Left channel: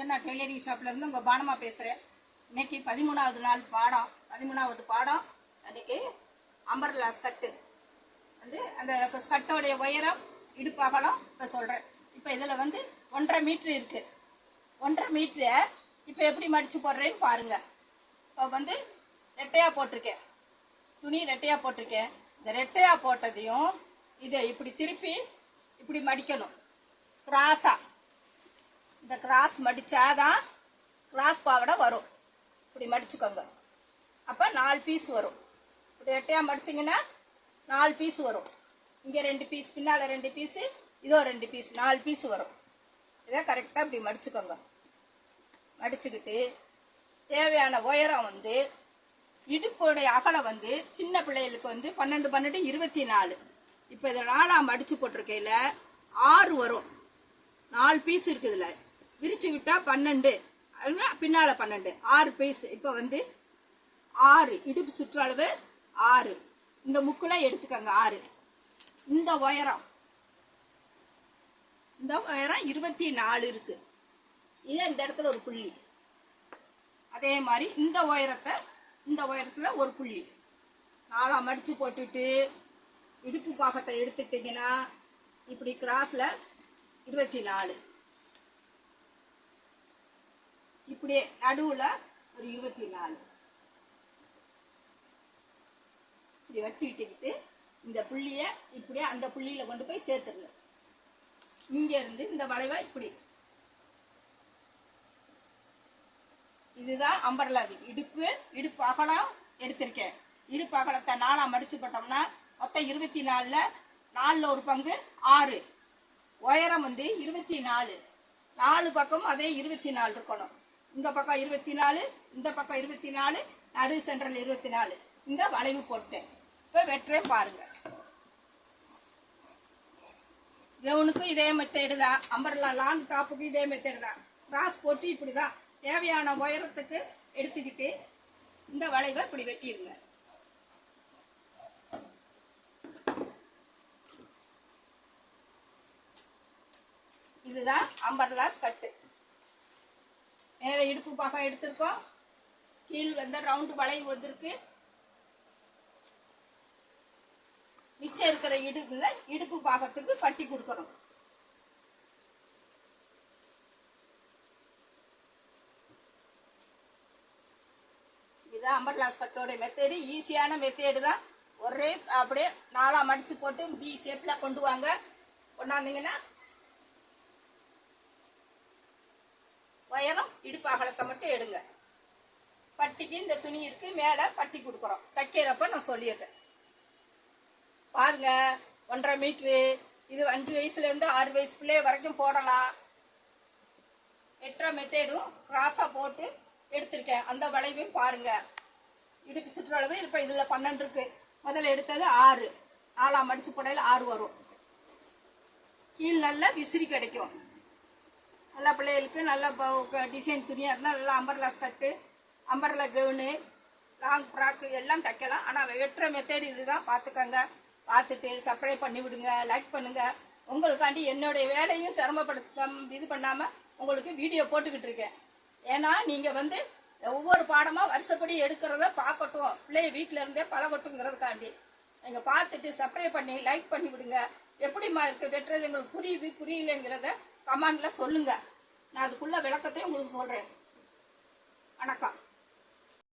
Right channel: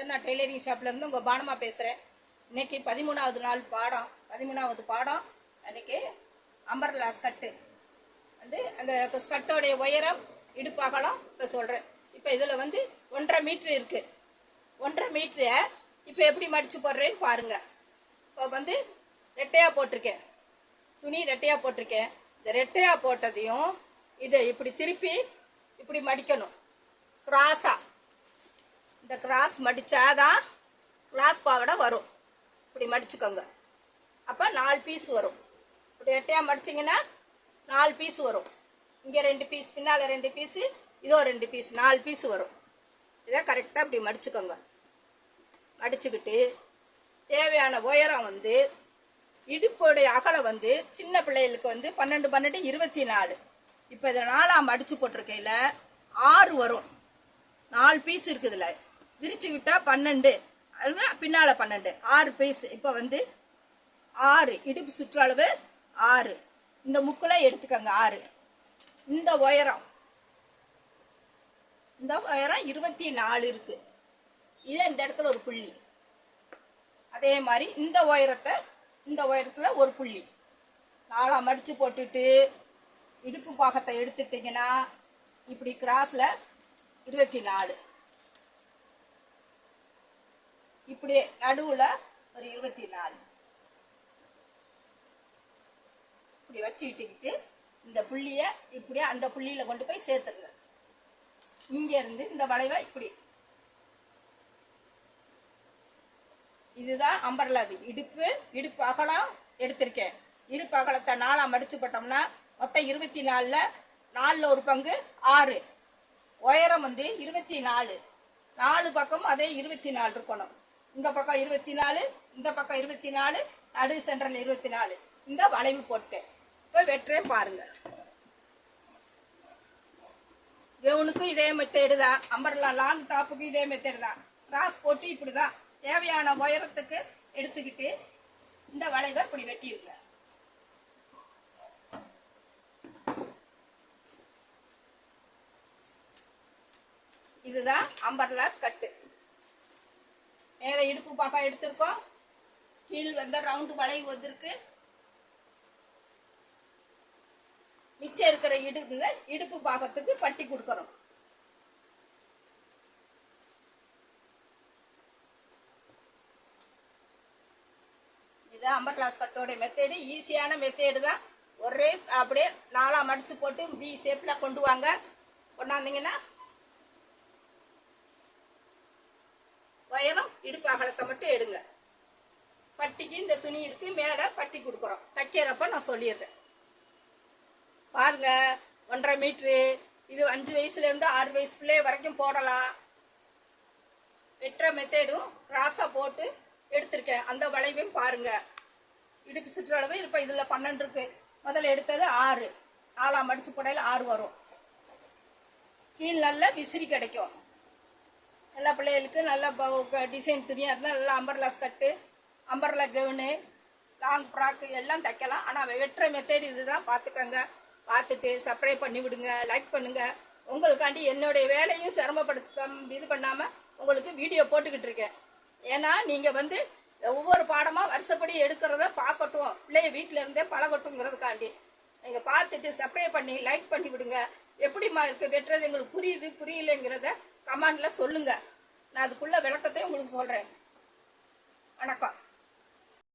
Sanjana tailoring ஷாப்லேருந்து உங்கள் பானமா பேசுகிறேன். இன்றைக்கி 13வது நாள் பாடம். 13வது பாடம் அன்றைக்கி அம்பர்லா ஸ்கட்டு வந்து அந்த ஸ்கட்டோடைய உயரம் இடுப்பு அகலம் இப்போ சொல்கிறேன். இப்போ இதில் வந்து 1.5 மீட்ரு இருக்குது. 1.5 மீட்ரை இப்போ எப்படி மடித்து போடுறேன்னு பாருங்கள். இப்போ வந்து ரெட்டையாக போட்டிருக்கேன், துணி ரெட்டையாக போட்டிருக்கேன். இந்த ரெட்டையாக போட்டதையும் இதை இப்படி திருப்பி இப்படி மடிக்கணும் கிராஸாக. இந்த கிராஸ் மடித்தாதான் கிராஸ் பாவடை வரும். இப்படி மடிச்சுக்கோங்க. அப்போ 4 பீஸ் வரும். இப்படி ரெட்டையாக மடிச்சிங்கன்னா 4 பீஸ் வரும். இங்கே 2 பீஸ், பின்னால் 2 பீஸு, இதோ 2 பீஸ், 4 பீஸ் வரும். இதை கரெக்டாக இப்படி மடிச்சுக்கோங்க. மடிச்சுக்கிட்டு தேவையான உயரம் வந்து இடுப்போடைய அகலம் வந்து சின்ன பிள்ளைகளுக்கு வந்து 12 12 24. இப்போ இதை 4ஆக மடித்து போட்டிருக்கையில் 6 வரும். 4 பீஸ் இருக்குதுல, விரிச்சு விட்டால் 12, பின்னால் 12, 6 பீஸ். இப்போ வந்து 6 இடுப்பு சுற்றளவு 6. இந்த முக்கில் எடுத்துக்கோங்க 6. இந்த உயரம் 24 இருக்கு. இது இந்த இடத்துல ஒரு புள்ளி. அதே மாதிரி இந்த உயரத்தில் ஒரு புள்ளி 4ஆக மடித்து போட்டுட்டு இடுப்பு பாகத்தை எடுத்துட்டிங்கன்னா இப்படி கிராஸில் 24, இப்படியே நடுவில் ஒரு 24 இப்படி வச்சுக்கிட்டுக்கிட்டு இந்த புள்ளியை இப்படியே அந்த புள்ளியில் கொண்டு போய் சேர்த்துருங்க. இங்கேருந்து இந்த வளைவை இப்படி, இதுதான் அம்பர்லா. இடுப்பு அகலம் எடுத்திருக்கேன். இடுப்பு அகலத்தை 4ஆக மடிச்சு போட்டோம்னா மொத்தம் 24ல் 4ல் ஒரு பங்கு 6. உயரம் வந்து 24. 4 பக்கம் அதே 24 இருக்கணும். இந்த பக்கம் 24, இந்த பக்கம் 24, நடு சென்ட்ரல் 24. இந்த வளைவு போட்டேன். இப்போ வெட்டுறேன் பாருங்க. கவுனுக்கு இதே மெத்தேடு தான். அம்பர்லா லாங் டாப்புக்கு இதே மெத்தேடு தான். கிராஸ் போட்டு இப்படி தான் தேவையான உயரத்துக்கு எடுத்துக்கிட்டு இந்த வளைவை இப்படி வெட்டிடுங்க. இதுதான் அம்பர்லா ஸ்கட்டு. மேலே இடுப்பு பாகம் எடுத்திருக்கோம், கீழ் வந்து ரவுண்டு வளைவு வந்திருக்கு. மிச்சம் இருக்கிற இடுப்பு பாகத்துக்கு பட்டி கொடுக்கணும். இதுதான் அம்பர்லா ஸ்கட்டோட மெத்தேடு. ஈஸியான மெத்தேடு தான். ஒரே அப்படியே 4ஆக மடித்து போட்டு பி ஷேப்பில் கொண்டு வாங்க. கொண்டாந்தீங்கன்னா உயரம் இடுப்பு அகலத்தை மட்டும் எடுங்க. பட்டிக்கு இந்த துணி இருக்கு, மேலே பட்டி கொடுக்குறோம். தைக்கிறப்ப நான் சொல்லிடுறேன் பாருங்க. 1.5 மீட்ரு. இது 5 வயசுலேருந்து 6 வயசு பிள்ளை வரைக்கும் போடலாம். வெட்டுற மெத்தேடும் கிராஸாக போட்டு எடுத்திருக்கேன். அந்த வளைவையும் பாருங்க. இடுப்பு சுற்றளவு இப்போ இதில் 12 இருக்கு. முதல்ல எடுத்தது 6. 4ஆக மடிச்சு போடையில் 6 வரும். கீழ் நல்ல விசிறி கிடைக்கும். எல்லா பிள்ளைகளுக்கு நல்ல டிசைன் துணியாக இருந்தால் நல்லா umbrella ஸ்கட்டு, umbrella gown, long frock எல்லாம் தைக்கலாம். ஆனால் வெட்டுற மெத்தேடு இதுதான். பார்த்துக்கங்க. பார்த்துட்டு சப்ஸ்கிரைப் பண்ணி விடுங்க, லைக் பண்ணுங்கள். உங்களுக்காண்டி என்னுடைய வேலையும் இது பண்ணாமல் உங்களுக்கு வீடியோ போட்டுக்கிட்டு இருக்கேன். ஏன்னா நீங்கள் வந்து ஒவ்வொரு பாடமாக வருஷப்படி எடுக்கிறத பார்க்கட்டும், பிள்ளைய வீட்டில் இருந்தே பழகட்டுங்கிறதுக்காண்டி. நீங்கள் பார்த்துட்டு சப்ஸ்கிரைப் பண்ணி லைக் பண்ணி விடுங்க. எப்படிமா இருக்குது வெட்டுறது, எங்களுக்கு புரியுது புரியலைங்கிறத கமெண்டில் சொல்லுங்கள். நான் அதுக்குள்ள விளக்கத்தையும் உங்களுக்கு சொல்கிறேன். வணக்கம்.